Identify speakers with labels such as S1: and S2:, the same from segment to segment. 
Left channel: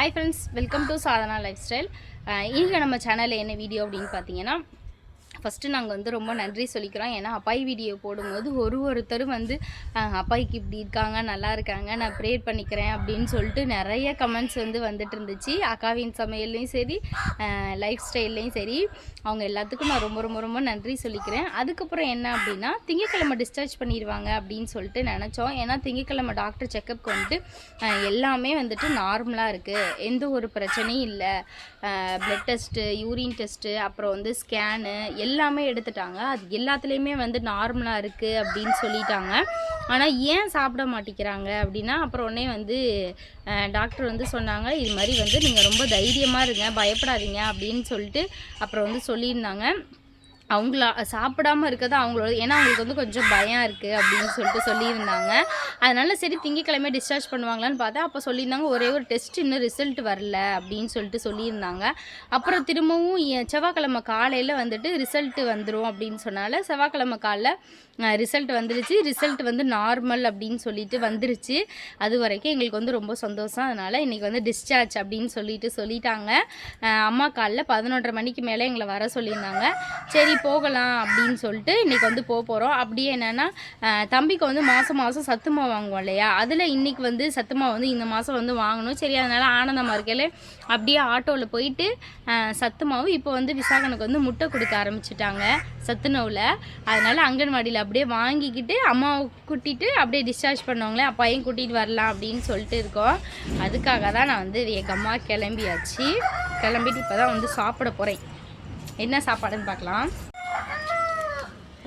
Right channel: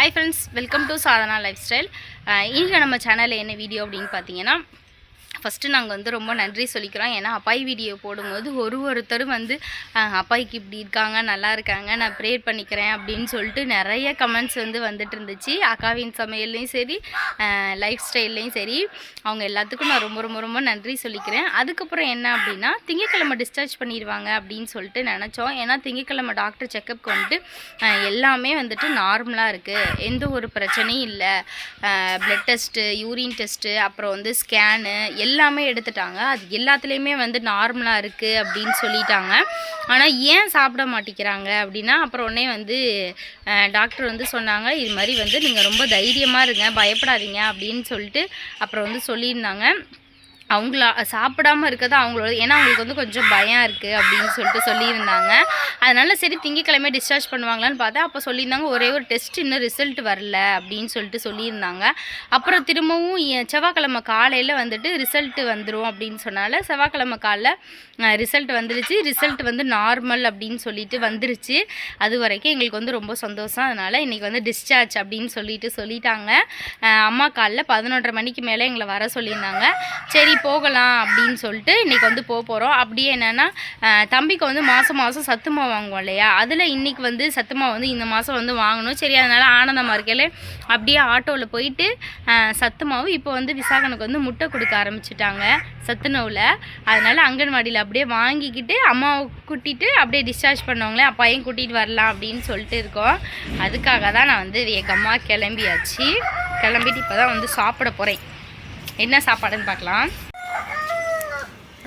S1: Hi friends welcome to Sadhana lifestyle இன்றைக்கி நம்ம சேனலில் என்ன வீடியோ அப்படின்னு பார்த்தீங்கன்னா ஃபஸ்ட்டு நாங்கள் வந்து ரொம்ப நன்றி சொல்லிக்கிறோம். ஏன்னா அப்பாய் வீடியோ போடும்போது ஒரு ஒருத்தரும் வந்து அப்பாய்க்கு இப்படி இருக்காங்க நல்லா இருக்காங்க நான் ப்ரேயர் பண்ணிக்கிறேன் அப்படின்னு சொல்லிட்டு நிறைய கமெண்ட்ஸ் வந்து வந்துட்டு இருந்துச்சு. அக்காவின் சமையல்லையும் சரி லைஃப் ஸ்டைல்லையும் சரி அவங்க எல்லாத்துக்கும் நான் ரொம்ப ரொம்ப ரொம்ப நன்றி சொல்லிக்கிறேன். அதுக்கப்புறம் என்ன அப்படின்னா திங்கக்கிழமை டிஸ்சார்ஜ் பண்ணிடுவாங்க அப்படின்னு சொல்லிட்டு நினச்சோம். ஏன்னா திங்கக்கிழமை டாக்டர் செக்கப்க்கு வந்துட்டு எல்லாமே வந்துட்டு நார்மலாக இருக்குது எந்த ஒரு பிரச்சனையும் இல்லை. ப்ளட் டெஸ்ட்டு யூரின் டெஸ்ட்டு அப்புறம் வந்து ஸ்கேனு எல்லாமே எடுத்துட்டாங்க. அது எல்லாத்துலேயுமே வந்து நார்மலாக இருக்குது அப்படின்னு சொல்லிட்டாங்க. ஆனால் ஏன் சாப்பிட மாட்டேங்கிறாங்க அப்படின்னா அப்புறம் உடனே வந்து டாக்டர் வந்து சொன்னாங்க இது மாதிரி வந்து நீங்கள் ரொம்ப தைரியமாக இருங்க பயப்படாதீங்க அப்படின்னு சொல்லிட்டு அப்புறம் வந்து சொல்லியிருந்தாங்க. அவங்கள சாப்பிடாம இருக்கிறது அவங்களோட ஏன்னா அவங்களுக்கு வந்து கொஞ்சம் பயம் இருக்குது அப்படின்னு சொல்லிட்டு சொல்லியிருந்தாங்க. அதனால சரி திங்கக்கிழமை டிஸ்சார்ஜ் பண்ணுவாங்களான்னு பார்த்தா அப்போ சொல்லியிருந்தாங்க ஒரே ஒரு டெஸ்ட் இன்னும் ரிசல்ட் வரல அப்படின்னு சொல்லிட்டு சொல்லியிருந்தாங்க. அப்புறம் திரும்பவும் செவ்வாய்க்கிழமை காலையில் வந்துட்டு ரிசல்ட் வந்துடும் அப்படின்னு சொன்னால செவ்வாய்க்கிழமை காலைல ரிசல்ட் வந்துருச்சு. ரிசல்ட் வந்து நார்மல் அப்படின்னு சொல்லிட்டு வந்துருச்சு. அது வரைக்கும் எங்களுக்கு வந்து ரொம்ப சந்தோஷம். அதனால் இன்றைக்கி வந்து டிஸ்சார்ஜ் அப்படின்னு சொல்லிட்டு சொல்லிட்டாங்க. அம்மா காலைல பதினொன்றரை மணிக்கு மேலே எங்களை வர சொல்லியிருந்தாங்க. சரி போகலாம் அப்படின்னு சொல்லிட்டு இன்றைக்கி வந்து போக போகிறோம் அப்படியே என்னென்னா தம்பிக்கு வந்து மாதம் மாதம் சத்துமா வாங்குவோம் இல்லையா? அதில் இன்றைக்கி வந்து சத்துமா வந்து இந்த மாதம் வந்து வாங்கணும். சரி அதனால் ஆனந்தமாக இருக்கையில் அப்படியே ஆட்டோவில் போயிட்டு சத்துமாவும் இப்போ வந்து விசாகனுக்கு வந்து முட்டை கொடுக்க ஆரம்பிச்சிட்டாங்க சத்துணவில் அதனால் அங்கன்வாடியில் அப்படியே வாங்கிக்கிட்டு அம்மாவை கூட்டிகிட்டு அப்படியே டிஸ்சார்ஜ் பண்ணுவாங்களே அப்பாயும் கூட்டிகிட்டு வரலாம் அப்படின்னு சொல்லிட்டு இருக்கோம். அதுக்காக தான் நான் வந்து வேகமாக கிளம்பியாச்சு. கிளம்பிட்டு இப்போ தான் வந்து சாப்பிட போகிறேன் என்ன சாப்பாடுன்னு பார்க்கலாம்.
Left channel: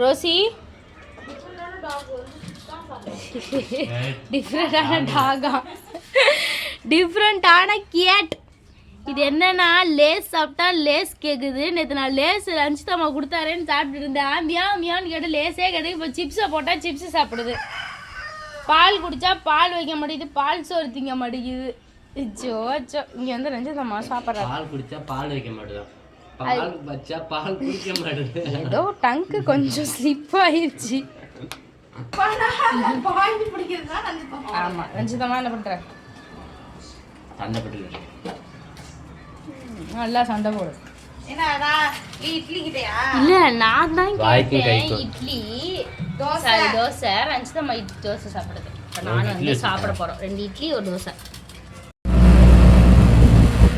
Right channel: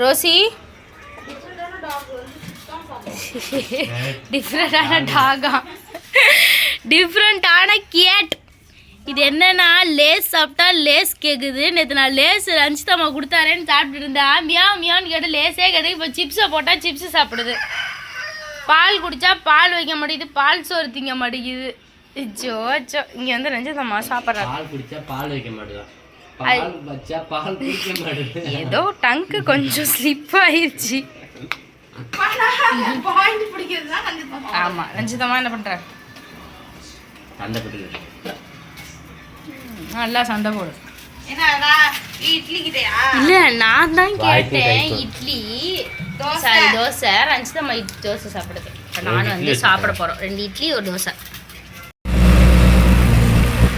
S1: ரோசி? டிஃப்ரெண்டான டாகா டிஃப்ரெண்ட்டான கேட் இது என்னன்னா லேஸ் சாப்பிட்டா லேஸ் கேட்குது நேற்று நான் லேஸ் ரஞ்சிதம்மா கொடுத்தாரேன்னு சாப்பிட்டு இருந்தேன். மியா மியான்னு கேட்டு லேஸே கேட்டு இப்போ சிப்ஸை போட்டால் சிப்ஸு சாப்பிடுது. பால் குடித்தா பால் வைக்க மாட்டேங்குது. பால் சோறு திங்க மாட்டேங்குது. ஜோ ஜோ இங்கே வந்து ரஞ்சிதம்மா சாப்பிட்றாங்க.
S2: பால் குடித்தா பால் வைக்க மாட்டேதான்
S1: ஏதோ டங்க்கு கொஞ்சம் ஸ்லிப் ஆயிருச்சு. ஆமா ரஞ்சிதமா என்ன பண்ற? நல்லா சண்டை போடு. இல்ல நான் தான் கேட்டேன். இட்லி. சாரி தோசை. ரஞ்சிதம்மா இட்லி தோசை சாப்பிடுது. இப்ப நான் வந்து சாப்பிட போறோம். ரெண்டு இட்லி ஒரு தோசை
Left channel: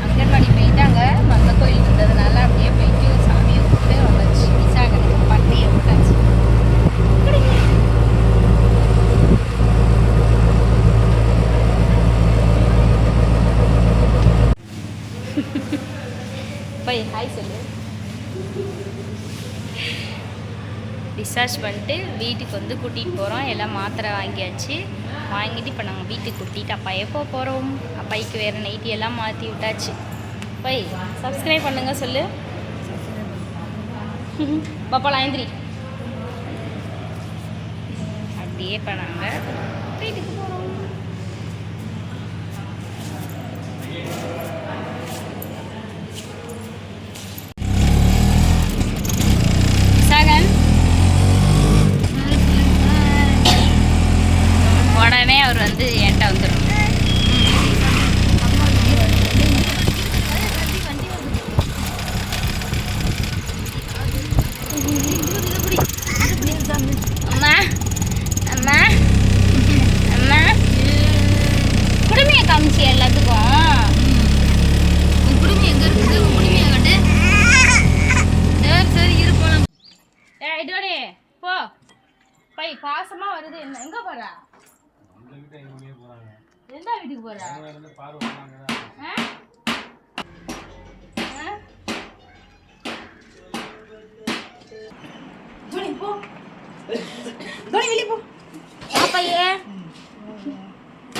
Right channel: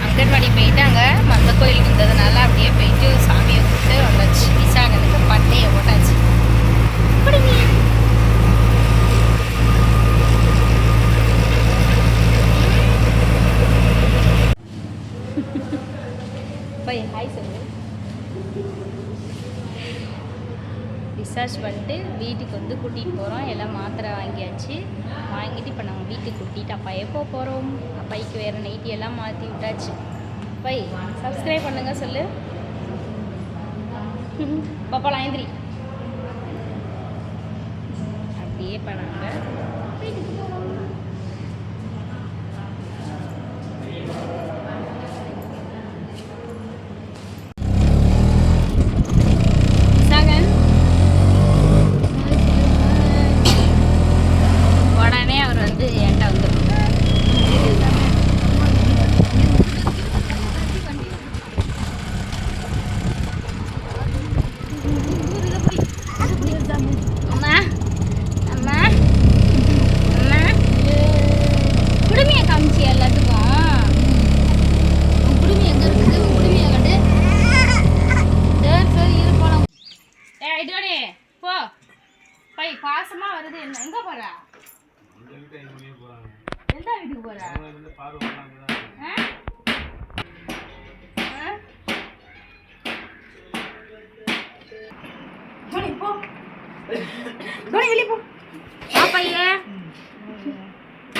S1: அங்கன்வாடி போயிட்டாங்க மந்த கோயில் இருந்ததுனால அப்படியே போயிட்டு சாமியை கும்பிட்டு வந்தாச்சு விசாகனுக்கு பட்டையை போட்டாச்சு கொடுங்க. போய் ஹாய் சொல்லு டிஸ்சார்ஜ் பண்ணிட்டு வீட்டுக்கு வந்து கூட்டிகிட்டு போகிறோம் எல்லாம் மாத்திரை வாங்கியாச்சு. வாங்கிட்டு இப்போ நாங்கள் வீட்டுக்கு கூட்டிகிட்டு அப்பா எப்போ போகிறோம் அப்பாய்க்கு வேறு நைட்டி எல்லாம் மாற்றி விட்டாச்சு. போய் சப்ஸ்கிரைப் பண்ணுங்க சொல்லு. பாப்பா லாயந்திரி. அப்படியே இப்போ நாங்கள் வீட்டுக்கு போகிறோம் சாகன் உடனே அவர் வந்து என்கிட்ட வந்துடும் அம்மா அம்மா அம்மா குடுமையை காமிச்சி எல்லாத்துக்கும் உன் குடுமி எங்க இருக்குது உன் குடுமையை கட்டு சரி சரி இரு போலாம் ஏ இதோடே போ பை பாசமா வருது என்ன எங்க போற எந்த வீட்டுக்கு போற ஆ? ஆ? வா பையே.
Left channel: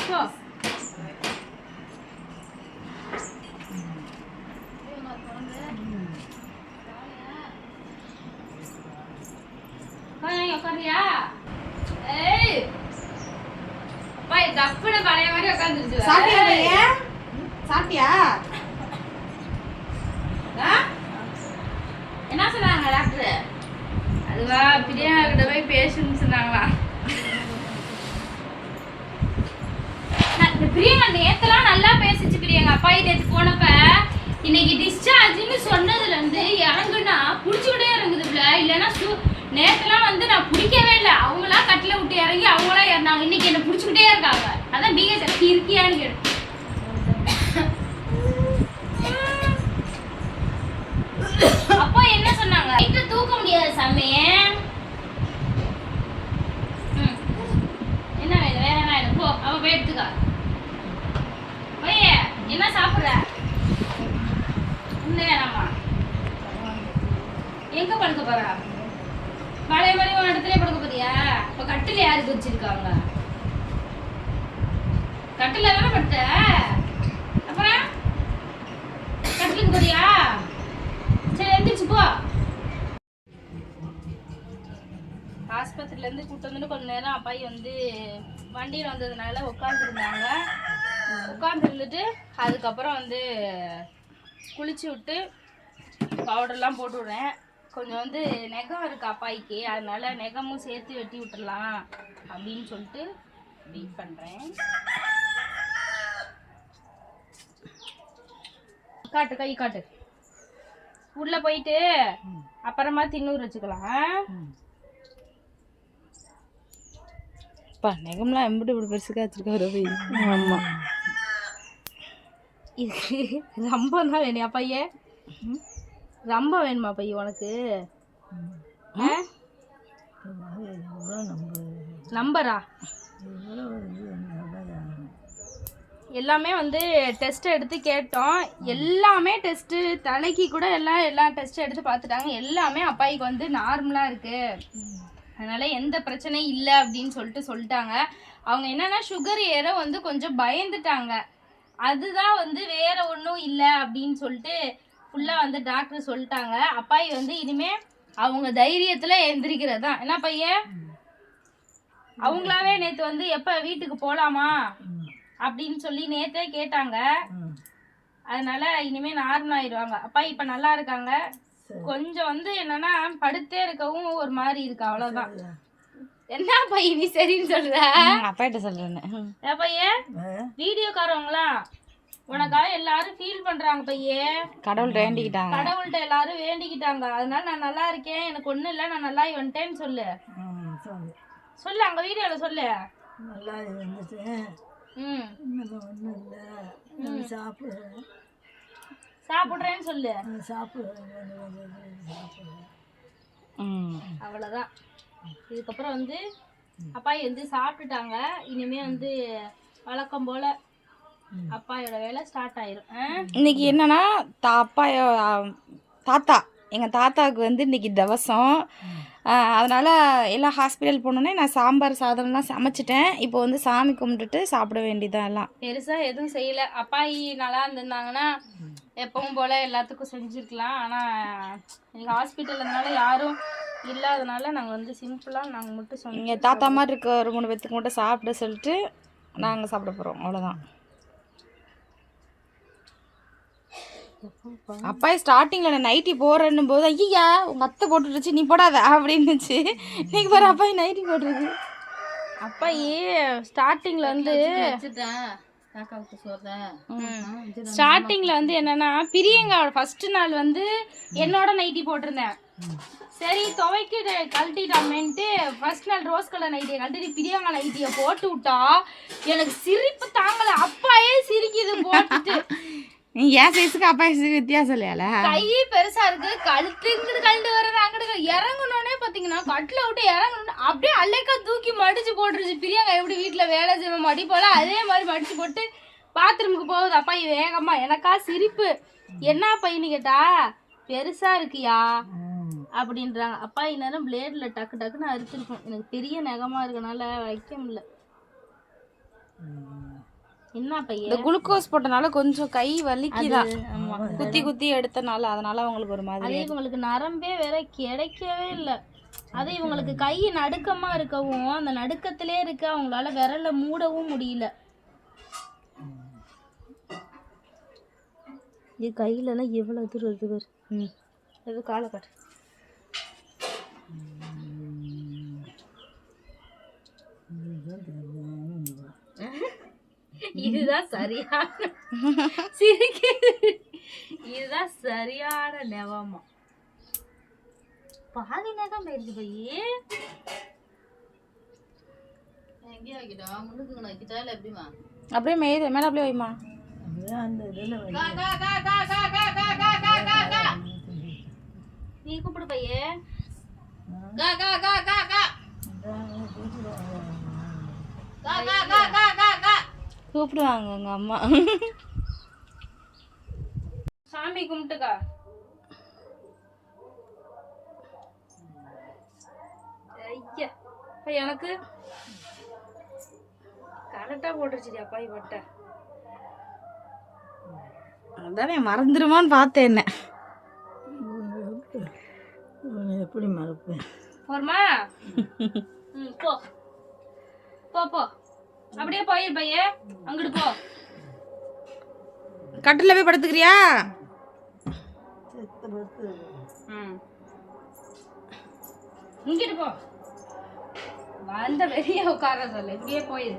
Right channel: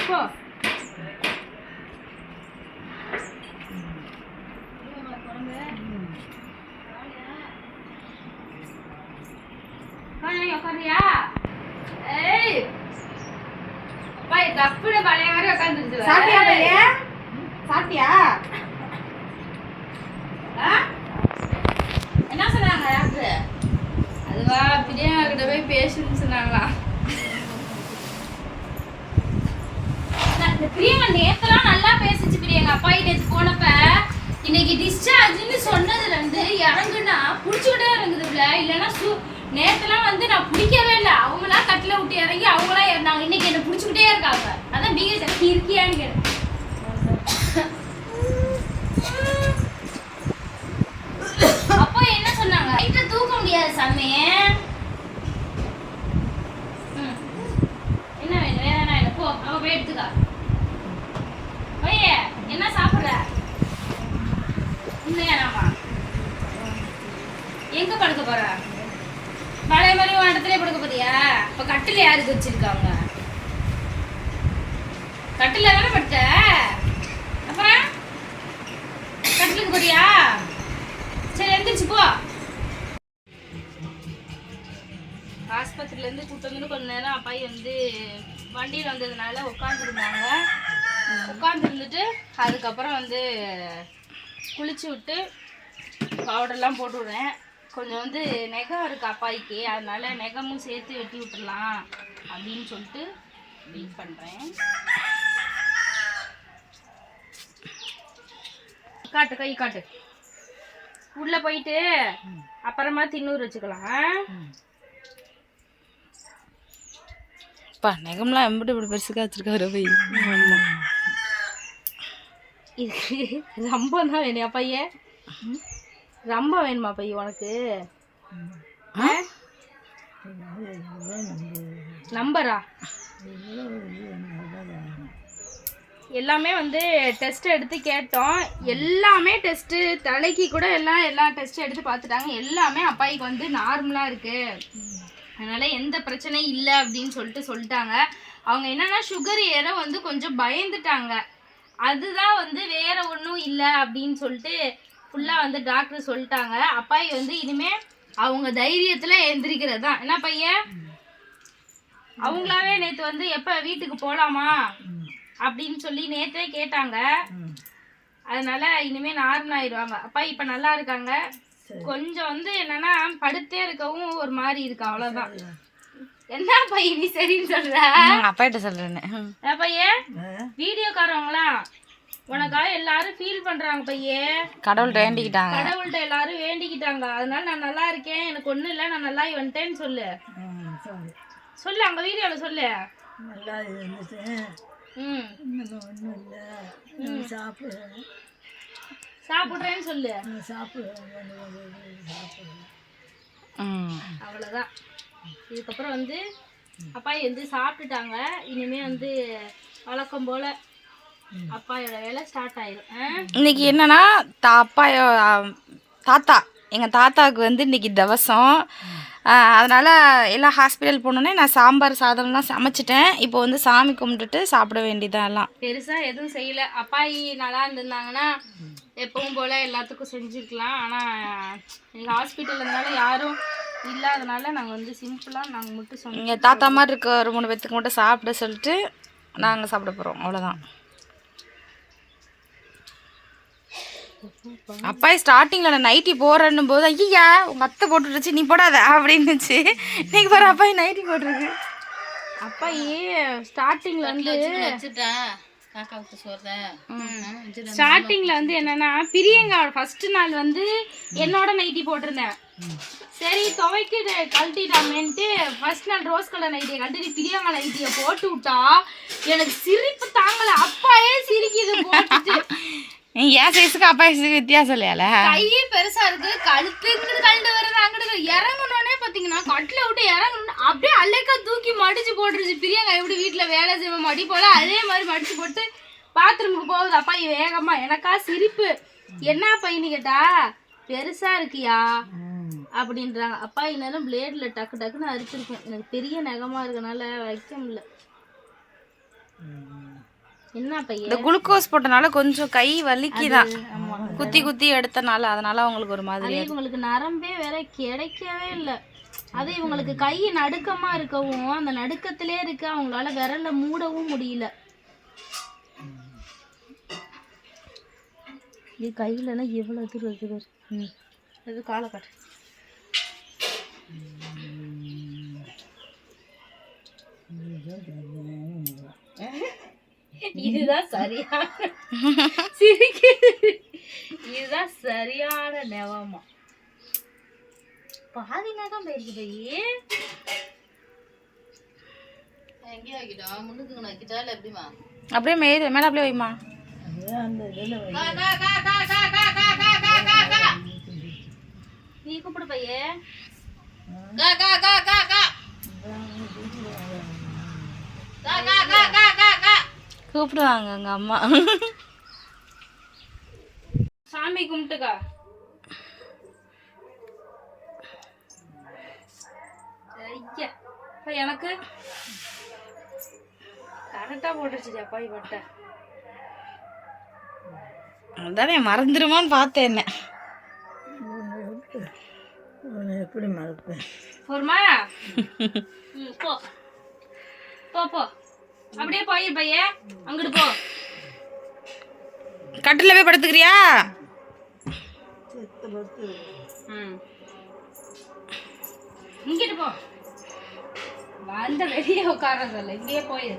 S1: போ வாங்க, உட்காருறியா? ஏய். அப்பா, இது தப்புன்னு பழைய மாதிரி உட்காந்துருச்சு வேற.
S3: சாப்பிட்டியா பையன்? சாப்பிட்டியா?
S1: ஆ? என்ன சொன்னாங்க டாக்டர்? அதுவா பிரியா கிட்ட போய் பேசுன்னு சொன்னாங்களா? பிரியங்கா நேத்தெல்லாம் நல்லா பேசிச்சு பிரியங்கா அப்பா போனப்ப. இன்னைக்கு டிஸ்சார்ஜ்னு சொன்னதுல இருந்து இறங்குனா புடிச்சுக்கிட்டே இறங்குதுல இல்லைன்னா நேற்றுலாம் வந்து நான் பிடிக்கவே இல்லை. அவங்களா கட்டில விட்டு இறங்கி அவங்களா இறந்தாங்க. இன்னைக்கு என்ன பிடிச்சிக்கிட்டே இருக்காங்க. அதான் பிஎஸ்எஃப் இருக்கியான்னு கேட்டேன் அப்பா என்ன சொன்னாங்க நைட்ல தூக்க முடியாது சாமி ம். என்ன வேணும் வேற என்ன வேணும் போ அவ போய் எடுத்துக்கா பைய என்ன சாப்பிடுற இன்னும் வேணாமா எங்க படுக்க போற பழைய மாதிரி உன் இடத்துல படுக்க போறியா இப்ப கட்டில் யாருக்கு வச்சிருக்காங்க கட்டில தானே படுத்த? அப்புறம்? கட்டிலுக்கு போறியா? சரி எந்திரிச்சு போ. ஆஸ்பத்திரியிலேருந்து கூட்டு வந்து கொஞ்ச நேரம் அப்பாயி வந்து வண்டியில் வந்ததுனால உட்காந்துருந்தாங்க உட்காந்துருந்துட்டு அதுக்கப்புறம் வந்து குளிச்சு விட்டு பவுடர்லாம் போட்டு விடுறேன். கொஞ்சம் வந்து நெகம் இருக்குது அப்பாய்க்கு. அதனால நெகமும் சேர்த்து வெட்டி விட்டுறலாம் அப்படின்னு சொல்லிட்டு வெயிட் பண்ணுறேன் காட்டு கை காட்டு. உள்ள போயிட்டு அப்புறமா தின்னூர் வச்சுக்கலாம்.
S3: அப்பா நெகம்லாம் எம்பிட்டு இப்படி பெருசுக்கா வச்சிருக்காரு போய். ஆமா.
S1: இது ரொம்ப தான் வேணுயா பையன். ரொம்ப வேணுமா பையன் உனக்கு? நம்பரா? எல்லாமே வந்து டெஸ்ட் எடுத்து கேட்டோம். எல்லாமே டெஸ்ட்டு தலைக்கு கூட எல்லாம் எல்லா டெஸ்ட் எடுத்து பார்த்துட்டாங்க. எல்லாமே அப்பாய்க்கு வந்து நார்மலாக இருக்கு. அதனால எந்த பிரச்சனையும் இல்லை அப்படின்னு சொல்லிட்டு சொல்லிட்டாங்க. அவங்க என்னன்னா சுகர் ஏற வந்து கொஞ்சம் பயந்துட்டாங்க. அதுதான் வந்து வேற ஒன்றும் இல்லை அப்படின்னு சொல்லிட்டு ஃபுல்லாக வந்து டாக்டர் சொல்லிட்டாங்க. அப்பாயி வந்து இனிமே அவங்க தைரியத்தில் எந்திரிக்கிறது தான். என்ன பையன்? அவங்களாவே நேற்று வந்து எப்போ வீட்டுக்கு போகலாமா அப்படின்னு சொல்லி நேத்தே கேட்டாங்க. அதனால இனிமே நார்மல் ஆயிடுவாங்க. அப்பா இப்ப நல்லா இருக்காங்க. கொஞ்சம் வந்து என்னன்னா படுத்தே இருக்கவும் ஒரு மாதிரி இருக்கு அவ்வளவுதான். என்ன பையன் நீ சரின்னு சொல்ற?
S3: அப்பாட்ட சொல்றேன்னு.
S1: ஏ பையன் வீடியோக்காரவங்களாம் உனக்காக எல்லாரும் ஃபீல் பண்றாங்க பையன்
S3: கடவுள்கிட்ட வேண்டிக்கிட்டாங்க.
S1: கடவுள்கிட்ட எல்லாரும் வேண்டிக்கிட்டாங்க. அதனால நான் நல்லா இருக்கேன். எனக்கு ஒண்ணும் இல்லை நான் நல்லா வந்துட்டேன்னு சொல்லு. சொல்லு அங்க வீடியோல சொல்லு.
S4: நல்லா இருந்துச்சு. ஒன்றும் இல்லை. சாப்பிடுறேன்
S1: சாப்பிடுறேன்னு சொல்லு.
S4: சாப்பிடுறேன் சாப்பிடுறேன்
S3: ம்.
S1: அவ்வளோதான் இதுக்கப்புறம் வந்து அப்பாயி வந்து சாப்பிட்டுட்டாங்க. இனிமே வந்து வழக்கம் போல அப்பாயோட வேலை ஸ்டார்ட் ஆயிரும். ஆ?
S3: இன்னைக்கு என்னன்னா தா அப்பா ஆ, தாத்தா. எங்கள் தாத்தாவுக்கு வந்து இன்னைக்கு தவசம். அதனால எல்லாம் ஹாஸ்பிட்டல் போனோடனே நான் சாம்பார் சாதம்லாம் சமைச்சிட்டேன். இப்போ வந்து சாமி கும்பிட்டுட்டு சாப்பிட வேண்டியதான் எல்லாம்.
S1: பெருசா எதுவும் செய்யல. அப்பாயி நல்லா இருந்திருந்தாங்கன்னா எப்பவும் போல எல்லாத்துக்கும் செஞ்சுருக்கலாம். ஆனா எங்க ஹாஸ்பிட்டல் இருந்தனால யாரும் இல்லாதனால நாங்க வந்து சிம்பிளா நாங்க மட்டும் சொன்னோம்
S3: இங்கே தாத்தா மாதிரி இருக்க ஒரு மூணு பேத்துக்கு மட்டும் சாப்பிட சொல்லிட்டு நாங்கள் சாப்பிட போகிறோம் அவ்வளோதான் அப்பா ஸ்டார்டிங்கில் நான் நைட்டி போடுறேன்னும் போது ஐயா உங்கள் அத்தை போட்டுருச்சு நீ போடாத அப்படின்னுச்சு. இன்னைக்கு பாரு அப்பா நைட்டி போட்டிருக்கு.
S1: அப்பாயி ஸ்டார்டிங்ல வந்து ஸ்டார்டிங்ல வந்து என்னன்னா பிரியங்காவோட ஃபர்ஸ்ட் நாள் வந்து என்னோட நைட்டி போட்டிருந்தேன். சரி துவைக்கு கழட்டிட்டாமேன்ட்டு ஃபர்ஸ்ட் நாள் ரோஸ் கலர் நைட்டியை கழட்டி பிரியங்கா நைட்டியை போட்டு விட்டா எனக்கு சிரிப்பு தாங்கல. அப்பாயே சிரிக்குது போட்டுட்டு.
S3: என் சைஸுக்கு அப்பா சைஸுக்கு வித்தியாசம் இல்லையால?
S1: கை பெருசா இருக்கு. கழுத்து இங்கிட்டு கழண்டு வருது அங்கிட்டு இறங்கணுன்னே பாத்தீங்கன்னா கட்டில விட்டு இறங்கணும் அப்படியே அலைக்கா தூக்கி மடிச்சு போட்டுருச்சு. பிரியங்கா எப்படி வீட்டுல வேலை செய்வோம் மடி போல அதே மாதிரி மடிச்சு போட்டு பாத்ரூமுக்கு போகுது. அப்பா வேகமா எனக்கா சிரிப்பு. என்ன பையனு கேட்டா பெருசா இருக்கியா? அப்படின்றாங்க. அப்பா இந்நேரம் பிளேட்ல டக்கு டக்குன்னு அரிச்சிருக்கும். எனக்கு பெரிய நகமா இருக்கனால வைக்க முடியல.
S3: இந்த
S1: பையன்
S3: குளுக்கோஸ் போட்டனால கொஞ்சம் கை வலிக்குதான் குத்தி குத்தி எடுத்தனால அதனால அவங்களுக்கு ஒரு மாதிரி
S1: அதே இவங்களுக்கு நரம்பே வேற கிடைக்கவே இல்லை. அது இவங்களுக்கு கை நடுக்கமா இருக்கவும் அந்த நடுக்கத்திலே இருக்க அவங்களால விரல்ல மூடவும் முடியல. இது கையிலலாம் எவ்வளோ தூரம் இருக்கு பாரு. ம். இது காலை காட்டு இது இதுதான் சரியான சிரிக்குது இதுதான் சரியான நெவமா பாதி நேரம் போயிருக்கு பையே
S3: அப்படியே மேலே மேலே அப்படியே வைமா
S4: அதுதான் அந்த இதில் வந்து
S1: நீ கூப்பிடு பையே
S3: கூப்பிடுவாங்க எங்கள் அம்மா.
S1: சாமி கும்பிட்டுக்கா. ஐயா அப்ப எனக்கு? கரெக்டாக போட்டுருச்சு அப்பாய் பட்டை
S3: அதானே மறந்துடுமோன்னு பார்த்தேன் என்ன.
S4: எப்படி மறப்பேன்
S1: போருமா போ போ. அப்படியே போயிரு பையே. அங்கிட்டு போ.
S3: கட்டில் போய் படுத்துக்கிறியா?
S1: இங்கிட்டு போ. வந்த வெளியே உட்காரதில்ல இங்கேயே போயிரு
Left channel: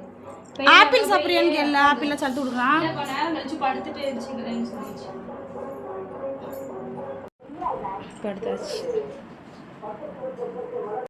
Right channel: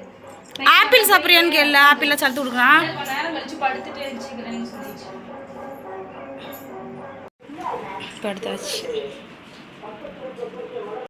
S3: ஆப்பிள் சாப்பிட்றியான்னு கேள்ல ஆப்பிளில் சலுத்து கொடுக்குறான். படுத்தாச்சு.